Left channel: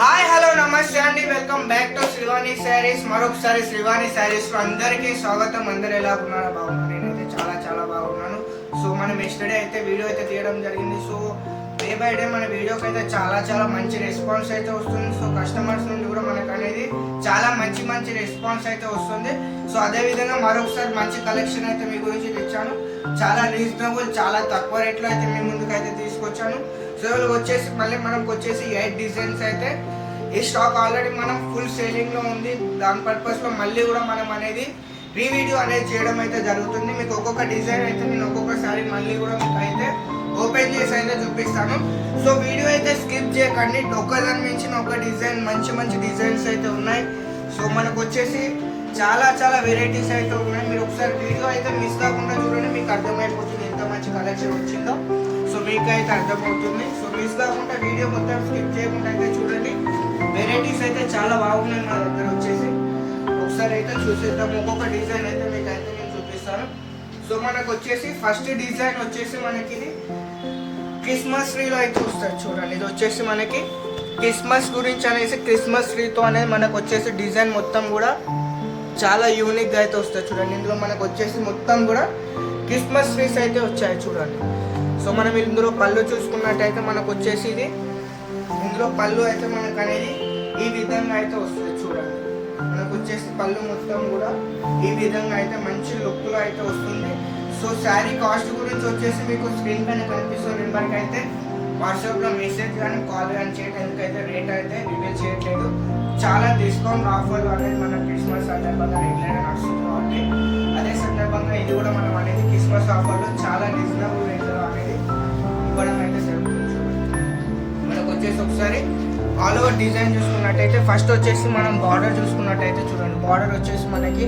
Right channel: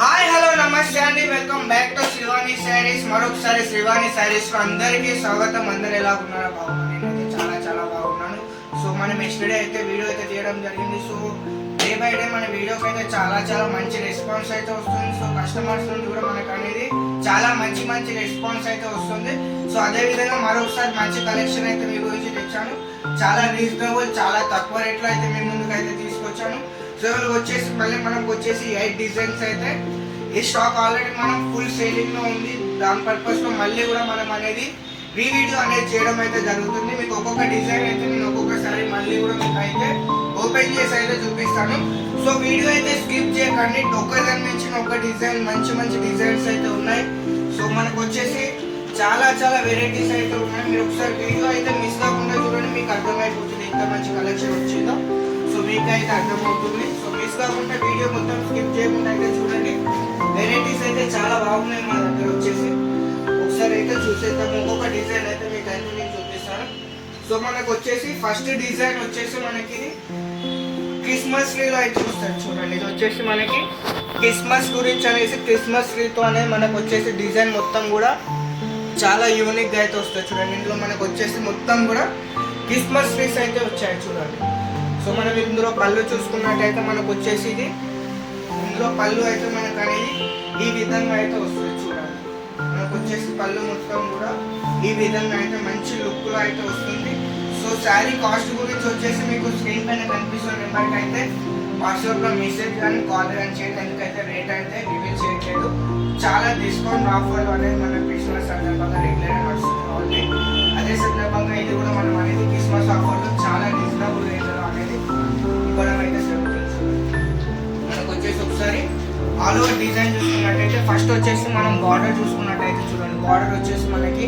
Hi hello నమస్తే అండి, welcome back to Srivani saris. మరొకసారి శ్రీవాణి శారీస్ లో అందరికీ స్వాగతం. అందరు ఎలా ఉన్నారో బాగున్నారు. నేనైతే చాలా బాగున్నాను. సో మనం ఎస్టర్డే అయితే వీడియో అయితే తీయడం జరిగింది. సో డే బై డే మన వీడియోకి అయితే చాలా మంచి రెస్పాన్స్ అయితే వస్తుంది. సో కస్టమర్స్ నుండి కూడా మనకు అనేది చాలా మంచి రెస్పాన్స్ అయితే వస్తుంది. సో అదే విధంగా మరొకసారి మంచి కలెక్షన్ అయితే మీ గురించి తెచ్చాను. చాలా రీజనబుల్, చాలా తక్కువ రేట్లో అయితే మీ ముందుకు అయితే తీసుకొచ్చాను. సో వచ్చేసి మళ్ళీ మనకు వచ్చేసి 8 డిజైన్స్ అయితే ఈ స్టాక్ ఆల్రెడీ మనం ఫుల్ సేలింగ్ లో ఉంది. దాని పర్పస్ లో మళ్ళీ కూడా మనం అనేది వీడియో అనేది చేయడం అయితే జరుగుతుంది. మీకు ఒక్కొక్క డిజైన్ అయితే నేను ఒక్కొక్కసారి మళ్ళీ కూడా మీకు అయితే ఓపెన్ చేసి అయితే చూపిస్తాను. సో వీడియో అయితే స్కిప్ చేయకండి. ఒక్కదాని మించిన ఒక డిజైన్ మంచి డిజైన్స్ అయితే ఉన్నాయి. సో మనకు వచ్చేసి చాలా వెరైటీస్ అయితే ఉన్నాయి. మీరు ఒకసారి వీడియో అయితే మిస్ కాకుండా చూడండి, మీకు అర్థమైపోతుంది ఎంత మంచి కలెక్షన్ వచ్చిందో. సో మీకు అయితే అర్థమవుతుంది. సో మిస్ కాకుండా వీడియో మొత్తం స్కిప్ చేయకుండా అయితే చూడండి. వెరైటీస్ అయితే చాలా బాగున్నాయి మన దగ్గర వచ్చేసి. ఒకసారి అయితే చూసేద్దాం. ఒక్కొక్క డిజైన్ అయితే మీకు అయితే నేను చూపిస్తాను. సో మనకు వచ్చేసి ఫస్ట్ డిజైన్ వచ్చేసి మనకి ఇది క్రిస్మస్ ట్రీలో అయితే వస్తుంది చూడండి. ఇది వచ్చేసి మనకి క్రిస్మస్ గురించి అనేసి క్రిస్మస్ ట్రీతో అనేది మనకు వచ్చేసి డిజైన్ మొత్తం కూడా చాలా యూనిక్గా అయితే వస్తుంది చూడండి. ఇందులో మనకు వచ్చేసి మొత్తం కూడా క్రిస్మస్ ట్రీస్ అయితే వచ్చాయి చూడండి. సో మనం ఇందులో పళ్ళు చూసుకున్నట్టయితే మనకు వచ్చేసి ఇది ఇందులో పళ్ళు అయితే మనకు అనేది ఈ విధంగా అయితే వస్తుంది చూడండి. మనకు వచ్చేసి పళ్ళు మొత్తం కూడా ఈ విధంగా అయితే మంచి లుక్లో అయితే వస్తుంది. సో శారీ కాస్ట్ గురించి వచ్చేసి మీకు స్క్రీన్ పైన కనిపిస్తున్న నెంబర్కి అయితే వాట్సాప్లో మెసేజ్ కానీ కాల్ కానీ చేయండి. ఎందుకైతే రేట్ అయితే రివీల్ చేయట్లేదు. చాలా డిస్కౌంట్ ఆఫర్లు అనేది మన క్రిస్మస్ సందర్భంగా రెగ్యులర్గా నడుస్తుంది. అదే సందర్భంగా ఇది కూడా మనం అనేది క్రిస్మస్ ఆఫర్లో చాలా రీజనబుల్ రేట్లో అనేది ఇవ్వడం అయితే జరుగుతుంది. మనకు వచ్చేసి ఒకసారి ఆల్ ఓవర్ డిజైన్ చూసుకున్నట్టయితే ఫస్ట్ వచ్చేసి మనం బార్డర్ చూసుకున్నట్టయితే చూడండి. బార్డర్ వచ్చేసి మనకి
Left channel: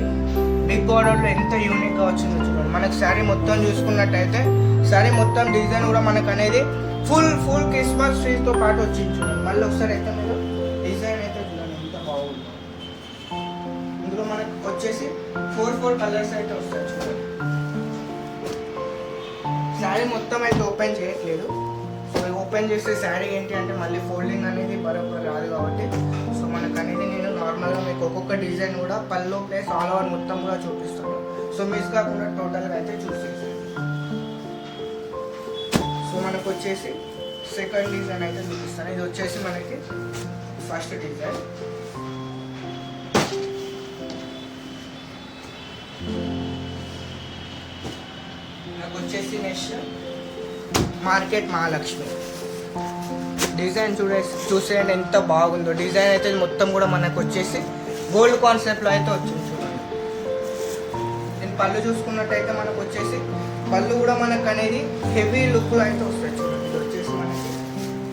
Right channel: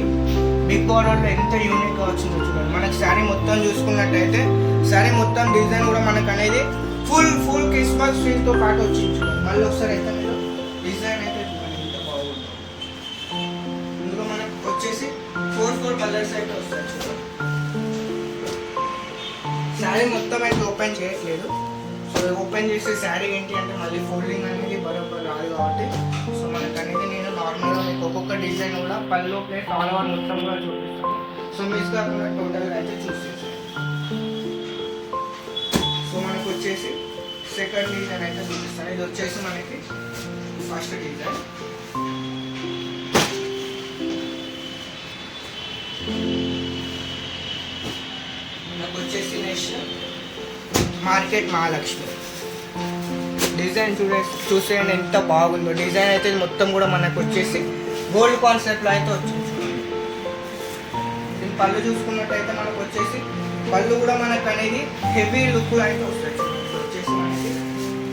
బిగ్ బార్డర్లో ఎంత యూనిక్గా వచ్చిందో చూడండి. మనకి శారీ మొత్తం చూసుకున్నట్టయితే శారీ మొత్తం డిజైన్ కూడా మనకు అనేది ఫుల్ క్రిస్మస్ ట్రీతో పాటు వచ్చింది చూడండి. మళ్ళీ ఒకసారి అయితే మీరు డిజైన్ అయితే చూడండి ఎంత బాగుందో. ఇందులో మనకి వచ్చేసి 4 కలర్స్ అయితే వస్తాయి చూడండి. శారీ మొత్తం అయితే ఓపెన్ చేయట్లేదు. సో ఓపెన్ చేసే శారీ ఏంటి అంటే మళ్ళీ ఫోల్డింగ్ అనేది బరోబర్ రాదు కాబట్టి సో మనకు అనేది నేను నార్మల్గా మీకు ఒక్కొక్క డిజైన్ కూడా పళ్ళు ప్లస్ ఆల్ ఓవర్ మొత్తం కూడా చూపిస్తాను. సో మిస్ కాకుండా టోటల్గా అయితే చూసేసి. సో మనకు వచ్చేసి సెకండ్ డిజైన్ అయితే చూపిస్తాను. ఇది వచ్చేసి మనకి ఫస్ట్ డిజైన్. నాకు వచ్చేసి నెక్స్ట్ మార్కెట్ మహాలక్ష్మి డిజైన్ చూసేయండి ఎంత బాగుందో. డిజైన్ అయితే మొత్తం కూడా మనకు వచ్చేసి గోల్డ్ కాన్సెప్ట్లో అయితే వచ్చింది చూడండి. దీని పళ్ళు చూసుకున్నట్టయితే మనకు వచ్చేసి పళ్ళు కూడా మనకు అనేది హెవీ లుక్లో అయితే వస్తాయి చూడండి. ఇది వచ్చేసి మనకి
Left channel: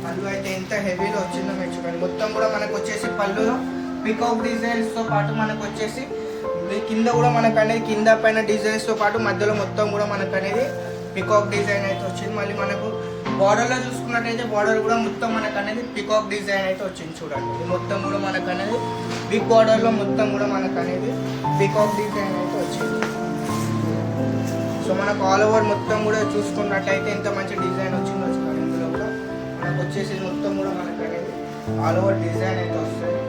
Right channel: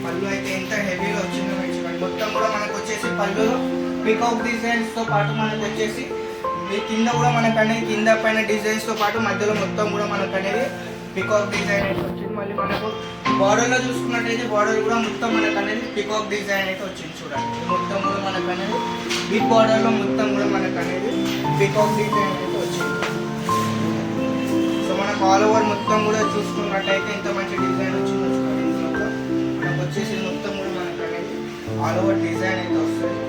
పళ్ళు అయితే ఎంత హెవీలో వచ్చిందో మీరు చూడండి. మొత్తం కూడా మనకు వచ్చేసి పళ్ళులో పికాక్ డిజైన్స్తో పాటు మనకు వచ్చేసి మీ కింద కూడా మనకు అనేది కింద పైన డిజైన్స్తో పాటు మధ్యలో మొత్తం కూడా మనకు అనేది పికాక్ డిజైన్ అయితే వచ్చింది. మళ్ళీ మనకు బార్డర్లో చూసుకున్నట్టయితే బార్డర్ కూడా మొత్తం మనకు అనేది పికాక్ డిజైన్ అయితే వచ్చింది చూడండి. ఇది మొత్తం కూడా మనకు అనేది బిగ్ బార్డర్లో మొత్తం కూడా మనకు అనేది పికాక్ డిజైన్ అయితే వచ్చింది. సో మనకు ఆల్ ఓవర్ మొత్తం కూడా చూసుకున్నట్టయితే ఎంత మంచి డిజైన్ వచ్చిందో చూడండి. ఇందులో మనకు వచ్చేసి మొత్తం కూడా మనకు అనేది ఆల్ ఓవర్ డిజైన్ అయితే వస్తుంది.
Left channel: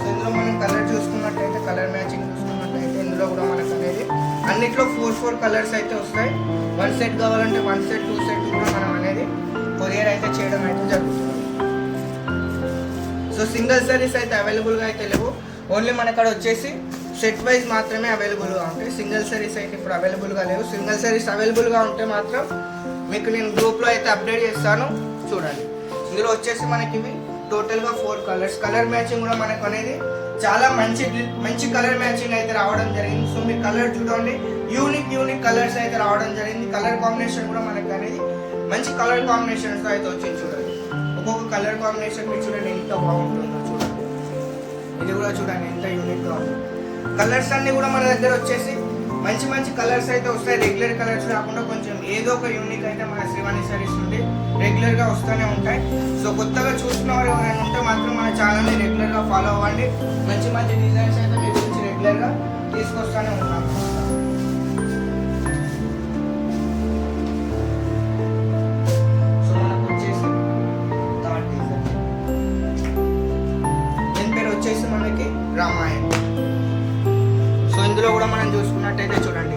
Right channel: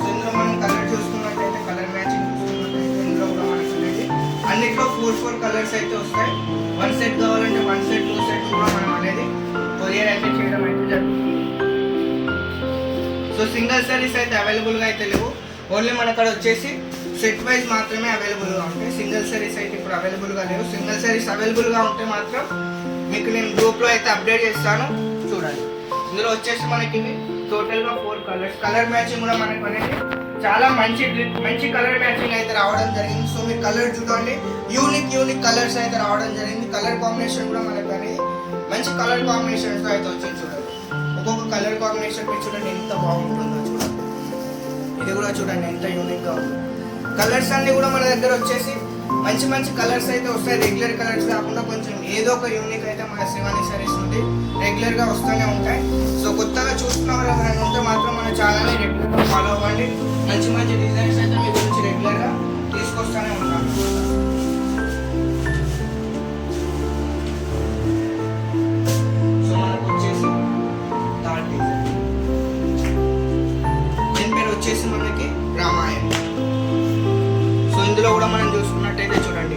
సో ఇందులో మనం కలర్ చూసుకున్నట్టయితే కలర్ మ్యాచింగ్ చూసుకున్నట్టయితే ఇందులో కూడా మనకు అనేది అన్నిట్లో 4 కలర్స్ అయితే వస్తాయి. 1 సెట్ కావాలంటే 1 సెట్ 2 సెట్ కూడా మనం అనేది కొరియర్ అయితే చేయడం అయితే జరుగుతుంది. సో సింగిల్ సారీస్ అయితే అవైలబుల్గా అయితే లేవు. ఓన్లీ మన అక్కడ వచ్చేసి సెట్ వైజ్ మాత్రమే అవైలబుల్గా ఉంటాయి. సింగిల్ సారీస్ అయితే ఇప్పుడు అవైలబుల్గా లేవు. సింగిల్ సారీస్ అవైలబుల్గా ఉంటే మాత్రం మీకు నేను గ్రూప్లో అయితే అప్డేట్ చేస్తాను చూడండి. ఇందులో వచ్చేసి మనకి ఇవి టోటల్గా 4 కలర్స్. కలర్ మ్యాచింగ్ కూడా మనకు అనేది చాలా మంచి కలర్ మ్యాచింగ్ అయితే రావడం జరిగింది. సో మీరు కలర్ చూడండి, యూనిక్ కలర్స్ అయితే రావడం జరిగింది. కలర్ కాంబినేషన్ కూడా మనకు అనేది మంచి కలర్ కాంబినేషన్స్తో అయితే వచ్చింది చూడండి. ఒక్కొక్క కలర్ కాంబినేషన్ మీరు చూడండి ఎంత బాగుంటుందో చూడండి. ఇది కూడా చూడండి ఎంత యూనిక్గా ఉందో. కలర్స్ అన్నీ కూడా మన దగ్గర వచ్చేసి మంచి కలర్స్ అయితే వస్తాయి. రెగ్యులర్ కలర్స్ కాకుండా కొంచెం ఏదో ఒక యూనిక్ అయితే మన శ్రీవాణి సారీస్ నుండి రెగ్యులర్గా వస్తూనే ఉంటాయి. సో కొత్తగా చూస్తున్న వారు ఎవరైనా ఉంటే మాత్రం మన ఛానల్ని రెగ్యులర్గా ఫాలో అవ్వండి. మంచి డిజైన్స్ అయితే మీ గురించి రెగ్యులర్గా తీసుకొస్తూనే ఉంటాను. సో మనకు వచ్చేసి థర్డ్ డిజైన్. పేరు వచ్చేసి మనకి రామాయణ్. సో ఇందులో కూడా మనం చూసుకున్నట్టయితే చూడండి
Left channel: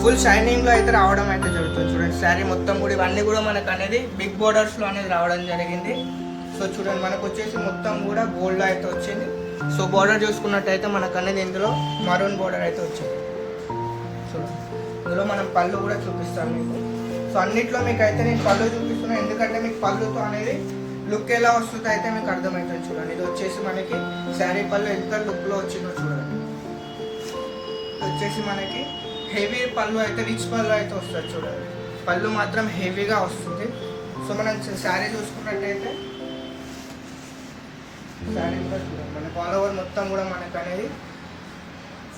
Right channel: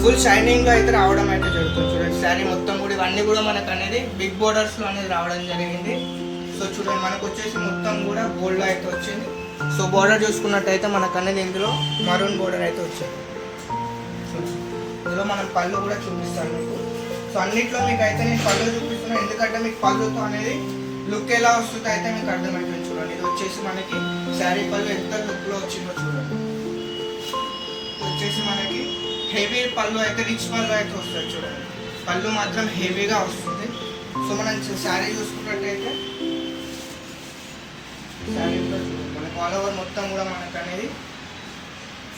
ఫుల్ షైనింగ్లో అయితే రావడం అయితే జరుగుతుంది. చూడండి శారీ మొత్తం కూడా ఇవన్నీ కూడా మనకు అనేది బిగ్ బోర్డర్స్లో అనేది రావడం జరిగింది. సో చూడండి మనకు వచ్చేసి మొత్తం కూడా గోల్డ్లో అయితే వచ్చింది. సో బోర్డర్ చూసుకున్నట్టయితే మనకు అనేది ఇందులో మరూన్ బోర్డర్ అయితే వచ్చింది. చూడండి ఇందులో మనం పళ్ళు కూడా చూపిస్తాను మీకు. సో అన్నిట్లో మీకు అయితే నేను పళ్ళు చూపిస్తున్నాను, ఎందుకంటే మీకు పళ్ళుతో అనేది లుక్ ఎలా వస్తుందో అయితే మీకు అర్థమవుతుంది. చూడండి ఇది వచ్చేసి మనకి శారీ పళ్ళు ఎంత లుక్లో వచ్చిందో చూడండి. వచ్చేసి మనకి హెవీ పళ్ళు అయితే రిచ్ పళ్ళు అయితే వస్తుంది. చూడండి పళ్ళు మాత్రం హెవీగా వస్తుంది. సో మనం శారీ చూసుకున్నట్టయితే శారీ కూడా చూడండి మనకు ఆల్ ఓవర్ మొత్తం కూడా మనకు అనేది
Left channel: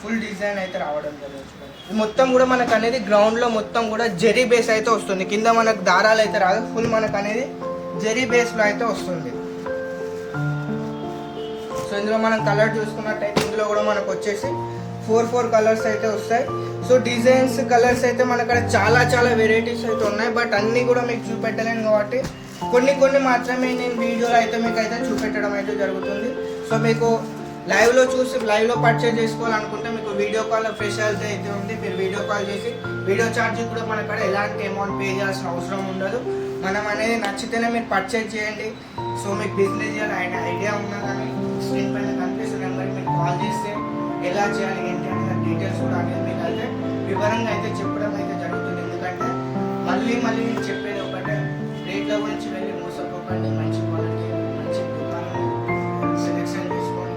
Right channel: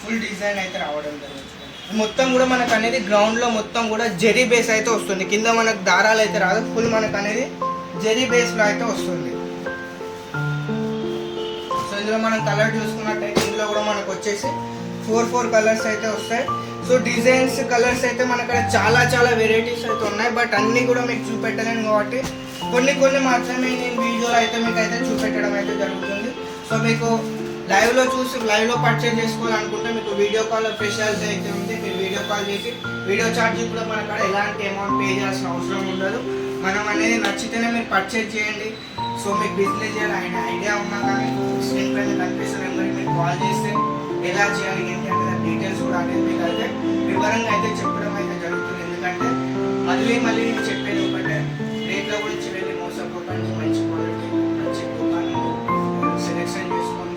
ఫుల్ డిజైన్ అయితే రావడం జరుగుతుంది. మొత్తం కూడా మనకు అనేది గ్రౌండ్లో మొత్తం కూడా జెరీ బేస్ అయితే వస్తుంది. కింద మనకు దారాలు అయితే రాదు, ఫుల్ మనకు అనేది జెరీ బేస్లో అయితే వస్తుంది. సో ఇందులో మనం కలర్ చూసుకున్నట్టయితే ఇందులో కూడా మనకు వచ్చేసి 4 కలర్స్ అయితే వస్తాయి. సో డిజైన్స్ కలర్స్ అయితే మన అక్కడ చాలా వెరైటీస్ అయితే ఉన్నాయి, బట్ అన్నీ కూడా మీకు చూపెట్టలేను కాబట్టి కొన్ని మాత్రమే నేను వీడియోలో అయితే మీకు అయితే చూపెట్టడం అయితే జరుగుతుంది. సో మీకు లైవ్లో పర్చేజ్ చేసుకోవాలనుకుంటే మీకు వీడియో కాల్ ఫెసిలిటీ అయితే ఉంది. మీరు వీడియో కాల్ చేసి వీడియో ఛార్జింగ్ కూడా మన అక్కడ ఎలాంటి అమౌంట్ పే చేయాల్సిన అవసరం ఉండదు. మనం అనేది నచ్చితేనే మీరు పర్చేజ్ చేయండి. సో మీకు బిజినెస్ చేయాలి ఐడియా ఉన్నా కానీ స్క్రీన్ పైన కనిపిస్తున్న నెంబర్కి మీరు కాల్ చేస్తే ఎలా చేయాలి ఏంటి అంటే డీటెయిల్స్ కూడా అనేది మీకు అయితే వివరంగా అయితే చెప్పడం అయితే జరుగుతుంది. ఎందుకంటే మళ్ళీ నేను చెప్పేది ఒకటే, రేట్ల గురించి వెళ్ళి మోసపోకండి. మంచి క్వాలిటీ మంచి దుకాణం సెలెక్షన్ చేసుకొని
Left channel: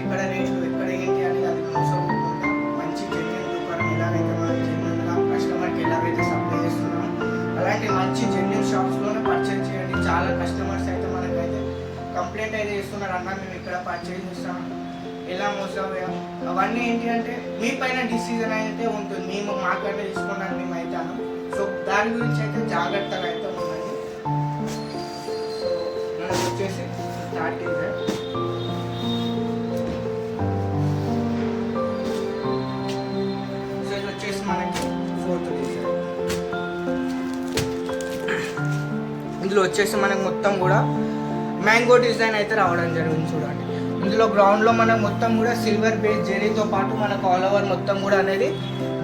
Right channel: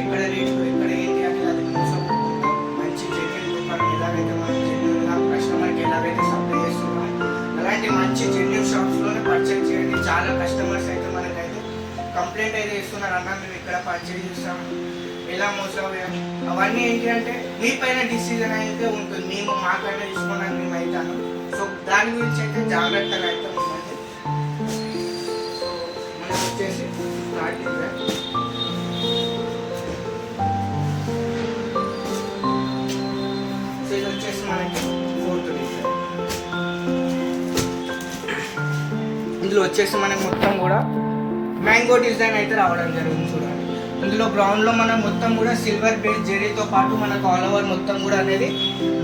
ఎక్కడ రేట్లు ఎక్కడ ఏంటి అనేది అది మోసపోకుండా మంచి జెన్యున్ దుకాణం ఎలాగైతే మనం జెన్యున్గా కస్టమర్కి ఎలాగైతే సప్లై చేస్తున్నామో అలాంటి మంచి జెన్యున్ షాప్స్లోనే పర్చేజ్ చేయండి. చాలా కస్టమర్స్ అయితే మనకైతే కంప్లైంట్ అయితే ఇస్తున్నారు, అన్న మేము ఇక్కడ పర్చేజ్ చేస్తాము ఎలా మోసపోయాం. అవన్నీ ఏంటి అంటే మీ పైన డిసిజన్ అయితే ఉంటుంది, మేము మాకైనా తీసుకోవడానికి మేము అవుతాను. సో దాని గురించి అయితే జాగ్రత్తగా అయితే ఉండండి. సో మనకు వచ్చేసి స్టార్టింగ్ సో ఇది వచ్చేసి మనకి 4th డిజైన్. ఇందులో వచ్చేసి మనకి మొత్తం కూడా మ్యాంగో డిజైన్ అయితే రావడం జరిగింది. చూడండి ఇందులో గ్రౌండ్లో మనం మొత్తం కూడా సిల్వర్ బేస్ జెరీతో పాటు మనకు ఆల్ ఓవర్ మొత్తం కూడా అనేది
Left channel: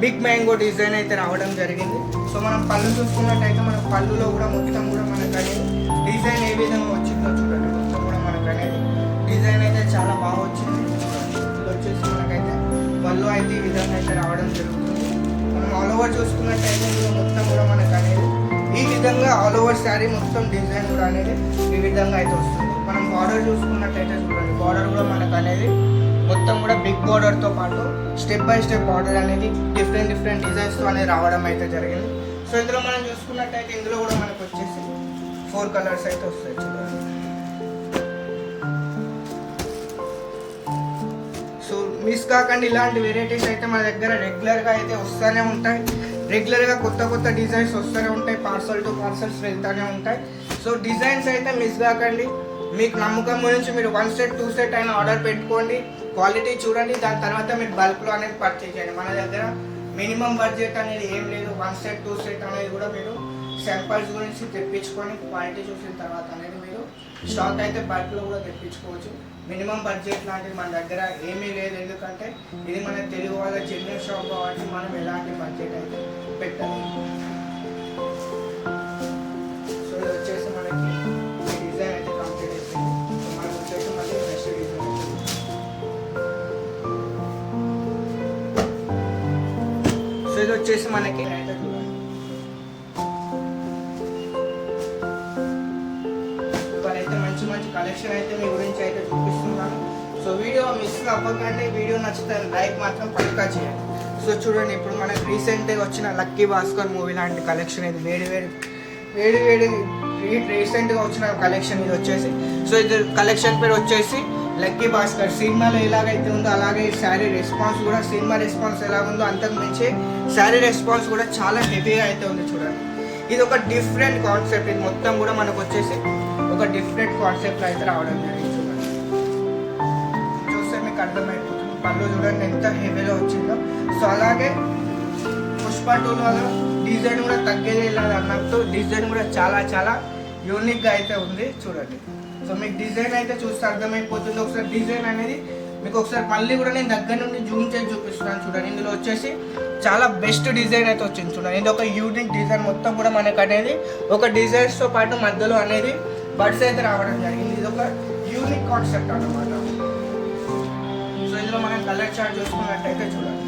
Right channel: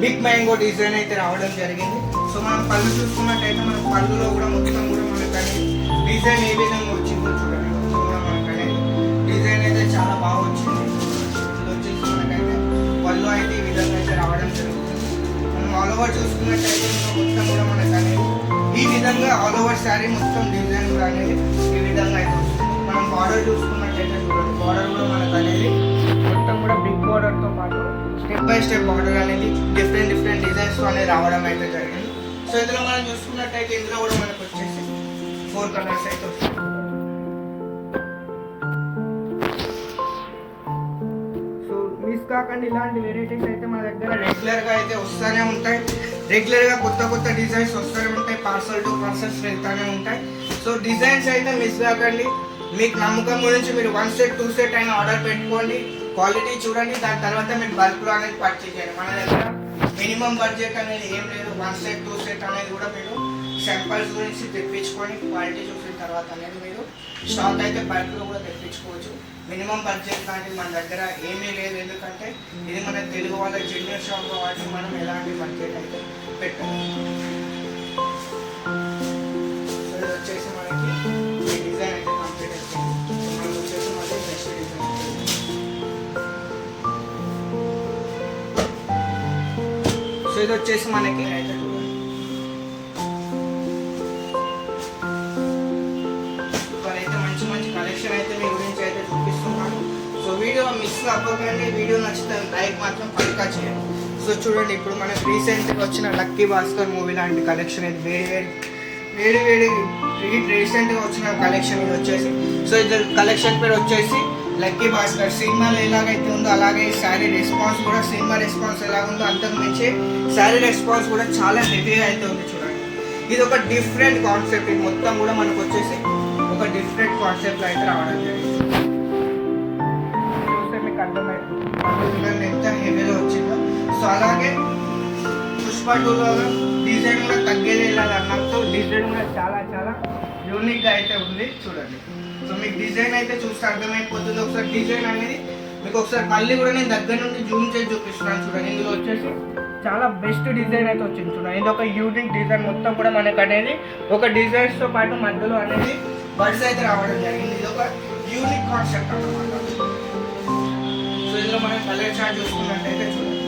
బిగ్ మ్యాంగో డిజైన్ అయితే రావడం జరిగింది. సో మనం పళ్ళు చూసుకున్నట్టయితే మన పళ్ళులో కూడా మొత్తం కూడా మనకు అనేది డిజైన్ ఏ విధంగా వచ్చిందో చూడండి. మొత్తం కూడా మనకు అనేది డిజైన్ అయితే చాలా బాగా వచ్చింది. ఇది వచ్చేసి మనకైతే పళ్ళు అయితే ఈ విధంగా అయితే రావడం జరుగుతుంది. మనం ఆల్ ఓవర్ చూసుకున్నట్టయితే ఇందులో మొత్తం కూడా మనకు అనేది ఈ విధంగా ఆల్ ఓవర్ శారీ మొత్తం డిజైన్ కూడా అనేది ఈ విధంగా అయితే వస్తుంది. మనం బార్డర్ చూసుకున్నట్టయితే చూడండి బార్డర్ కూడా మనకు అనేది మొత్తం కూడా బిగ్ బార్డర్తో పాటు స్టెప్ బై స్టెప్ బార్డర్ అనేది డిఫరెంట్ డిజైన్స్తో అనేది రావడం అయితే జరిగింది. సో ఇందులో మనం చూసుకున్నట్టయితే ఇందులో కూడా మనకు వచ్చేసి 4 కలర్స్ అయితే వస్తాయి. సో మిస్ కాకండి, ఇలాంటి వెరైటీస్ అయితే మన దగ్గర రెగ్యులర్గా అయితే వస్తూనే ఉంటాయి. రెగ్యులర్గా కొత్త డిజైన్స్ వస్తూనే ఉంటాయి, పార్సల్ టు పార్సల్స్ వెళ్తూనే ఉంటాయి. సో డిజైన్స్ అయితే మిస్ కాకండి. మీకు నమ్మకం గురించి మీరు 1 సెట్ 2 సెట్ అయినా ఆర్డర్ పెట్టుకోండి, క్వాలిటీ చూడండి, దాని తర్వాత మీరు బల్క్లో అనేది పర్చేజ్ చేయండి. మన దగ్గర మినిమం బడ్జెట్ అనేది ఏం లేదు. 1 సెట్ 2 సెట్ అనేది కూడా మీరు శాంపల్స్ గురించి తెప్పించుకొని క్వాలిటీ చూసిన తర్వాత అనేది మీరు స్టాక్ అయితే బల్క్లో కూడా తెప్పించుకోవచ్చు. మినిమం బడ్జెట్ లాంటిది మన దగ్గర ఏమీ లేదు, ఎందుకంటే ఇది మన తెలుగు వాళ్ళ జెన్యున్ షాప్ కాబట్టి మనం ఎలాంటి బడ్జెట్ అయితే పెట్టాలి. సో ఇది వచ్చేసి మనకి ఈ డిజైన్ అయితే కంప్లీట్ అయిపోయింది. సో మనకు వచ్చేసి మళ్ళీ నెక్స్ట్ డిజైన్ అవుతుంది. సో ఇది వచ్చేసి మనకి అయితే చూడండి ఇవాళైతే మంచి కలెక్షన్ అయితే మీ గురించి అయితే చూపిస్తున్నాను. సో వీడియో మిస్ అవ్వకండి. వీడియో నచ్చితే లైక్ మాత్రం పక్కా చేయండి. సో చూడండి ఇప్పుడు మనకి రీసెంట్గా వచ్చిన లక్కీ భాస్కర్ మూవీ లాంటి కలెక్షన్ ఇది వేడి రీసెంట్గా వచ్చిన కలెక్షన్ ఇది వచ్చేసి. సో ఇది కలెక్షన్ పేరు వచ్చేసి లక్కీ భాస్కర్. సినిమాలో ఎలాగైతే ఉందో అలాగే ఈ శారీ రెస్పాన్స్ కూడా సినిమా రెస్పాన్స్ ఎలాగుందో అంతకు మించి శారీ రెస్పాన్స్ కూడా చాలా హెవీగా అయితే ఉంది. చూడండి ఇది ఒక డిఫరెంట్ కాన్సెప్ట్. ఇది మొత్తం కూడా మనకు వచ్చేసి ఒక డిఫరెంట్ కాన్సెప్ట్లో అయితే రావడం జరిగింది. చూస్తే మీకు అర్థమైపోతుంది పళ్ళు చూడండి ఎంత హెవీలో వచ్చిందో. సో అలాగే పుష్ప 2లో డిజైన్ కూడా తగ్గేది లేదు అన్నట్టు డిజైన్ కూడా చాలా యూనిక్గా అయితే ఉంది. చూడండి సో మీకు డిజైన్ అయితే చూస్తే అర్థమైపోతుంది. ఒకసారి డిజైన్ అనేది మీకు ఒకసారి మళ్ళీ కూడా నేను దగ్గర నుండి జూమ్ చేసి చూపిస్తున్నాను చూడండి. ఇందులో వచ్చేసి చాలా బెస్ట్ డిజైన్ అయితే వచ్చింది చూడండి. ఇది ఒక యూనిక్ డిజైన్, మొత్తం కూడా మనకు అనేది ఒక డిజైన్స్తో పాటు మధ్యలో అనేది బడ్స్ అయితే రావడం జరిగింది. ఇది ఒక యూనిక్ కాన్సెప్ట్ అన్నమాట. సో ఇందులో మనం కలర్ చార్ట్ చూసుకున్నట్టయితే చూడండి,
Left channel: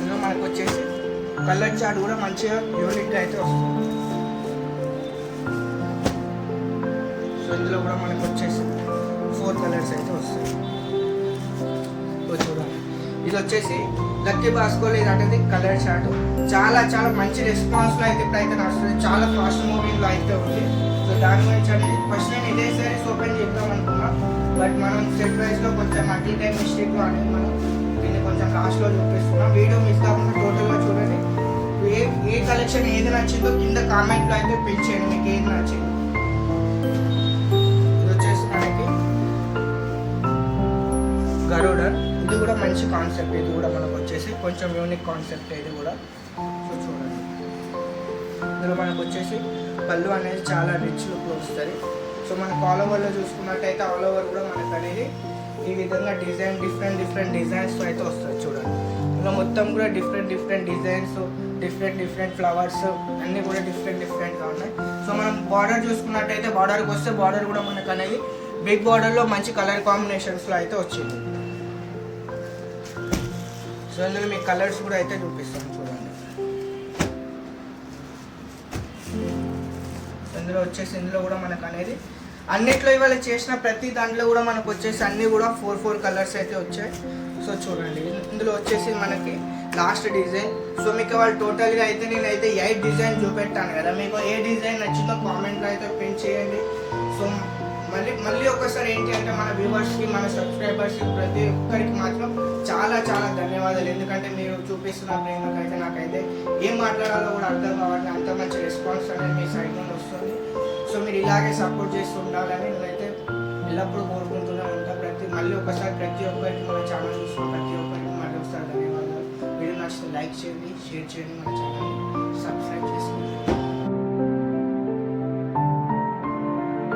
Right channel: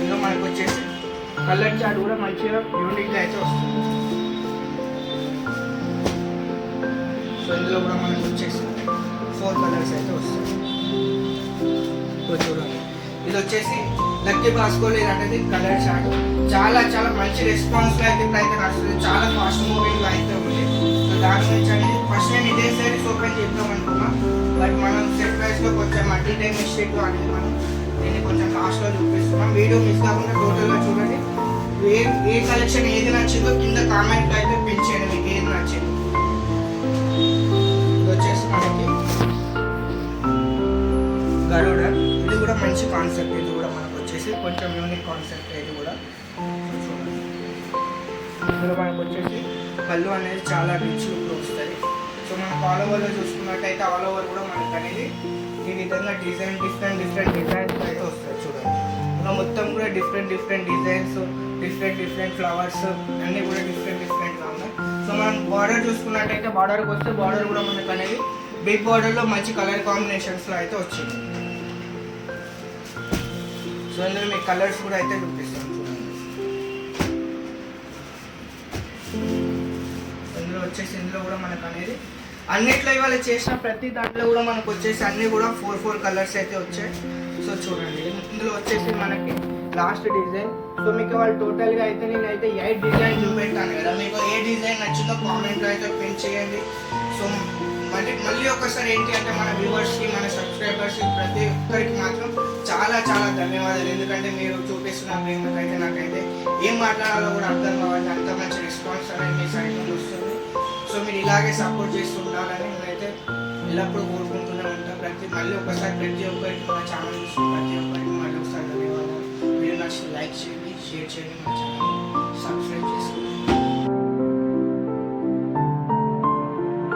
ఇందులో మనకు వచ్చేసి కలర్ చార్ట్ కూడా మంచిగా యూనిక్గా అయితే వస్తుంది. సో ఇందులో కూడా మనకు వచ్చేసి 4 కలర్స్ అయితే వస్తాయి. సో చూడండి, ఇది వచ్చేసి లక్కీ బాస్కోల్ అనేది కలర్ చార్ట్. చాలా చాలా మంచి రెస్పాన్స్లో అయితే ఇప్పుడైతే నడుస్తుంది, చాలా ఫాస్ట్ మూవింగ్లో అయితే ఉంది. సో దాని గురించి అనేది ఫస్ట్ నేను ఇదే సారీస్ ఓపెన్ చేద్దాం అనుకున్నా, బట్ మనం సెట్ ప్రైస్లో కొంచెం మల్టీ టైం మిస్టేక్లో అనేది మనం దీన్ని కొంచెం లాస్ట్లో చూపిస్తున్నాం. వీడియో మిస్ కాకుండా టోటల్గా చూడండి. ఏ కలెక్షన్ ఏది నచ్చిందో కింద కామెంట్లో అయితే పిన్ చేయండి మీకు ఏది నచ్చింది. ఇది వచ్చేసి మనకి గరుడ, ఇది కూడా మంచి కాన్సెప్ట్. ఇది కూడా మనకు వచ్చేసి కొంచెం యూనిక్ కాన్సెప్ట్ ఇది కూడా. సో చూడండి, ఇందులో మనకు వచ్చేసి పళ్ళు అనేది చాలా రిచ్ లుక్లో వస్తుంది. సో మనకు ఆల్ ఓవర్లో చూసుకున్నట్టయితే ఆల్ ఓవర్ కూడా మనకు అనేది ఈ విధంగా డిజైన్ డిఫరెంట్ డిజైన్స్తో అయితే వస్తుంది చూడండి. ఇలా మొత్తం కూడా డిఫరెంట్ డిజైన్స్, డిఫరెంట్ ఫ్లవర్స్ అన్నీ కూడా డిఫరెంట్గా ఉన్నాయి. సో మనం బార్డర్ చూసుకున్నట్టయితే బార్డర్కి వస్తే బార్డర్ కూడా మనకు అనేది బిగ్ బార్డర్లో మంచి కలర్ కాంబినేషన్స్లో అయితే వచ్చింది. సో ఇందులో మీకు కలర్స్ కూడా అయితే చూపిస్తాను చూడండి. ఇందులో కూడా మనకు అనేది అన్నిట్లో ఇవాళ చేసిన ప్రతి దాంట్లో కూడా మనకు వచ్చేసి అన్నీ కూడా 4 కలర్స్ అయితే వచ్చాయి. సో చూడండి, ఇందులో వచ్చేసి మనకి లాస్ట్ డిజైన్. సో మీకు వాళ్ళు టోటల్గా అయితే నేనైతే 8 డిజైన్ చూపెట్టాను కదా, మీకు ఏ డిజైన్ నచ్చిందో కామెంట్లో అయితే పిన్ చేయండి. సో మళ్ళీ ఒకసారి ఏంటి అంటే మన వ్యూవర్స్కి, మన సబ్స్క్రైబర్స్కి ప్రతి ఒక్కరికి మాత్రం చాలా చాలా ధన్యవాదాలు. ఎందుకంటే మీరు చూపిస్తున్న ప్రేమకైతే నాకైతే ఏం మాట్లాడాలో కూడా అర్థం కావాలి, అంత మంచి రెస్పాన్స్ అనేది మీ సైడ్ నుండి వస్తుంది. సో మీరు ఇలాగే సపోర్ట్ చేస్తూ ఉండాలని నేనైతే ఎల్లప్పుడూ కోరుకుంటూనే ఉంటాను. మళ్ళీ ఒకసారి ప్రతి ఒక్కరికి మన ఛానల్ చూస్తున్న ప్రతి ఒక్కరికి మళ్ళీ ఒకసారి ధన్యవాదాలు. వీడియో నచ్చితే లైక్ చేయండి, షేర్ చేయండి, మన ఛానల్ని సబ్స్క్రైబ్ చేసుకోండి.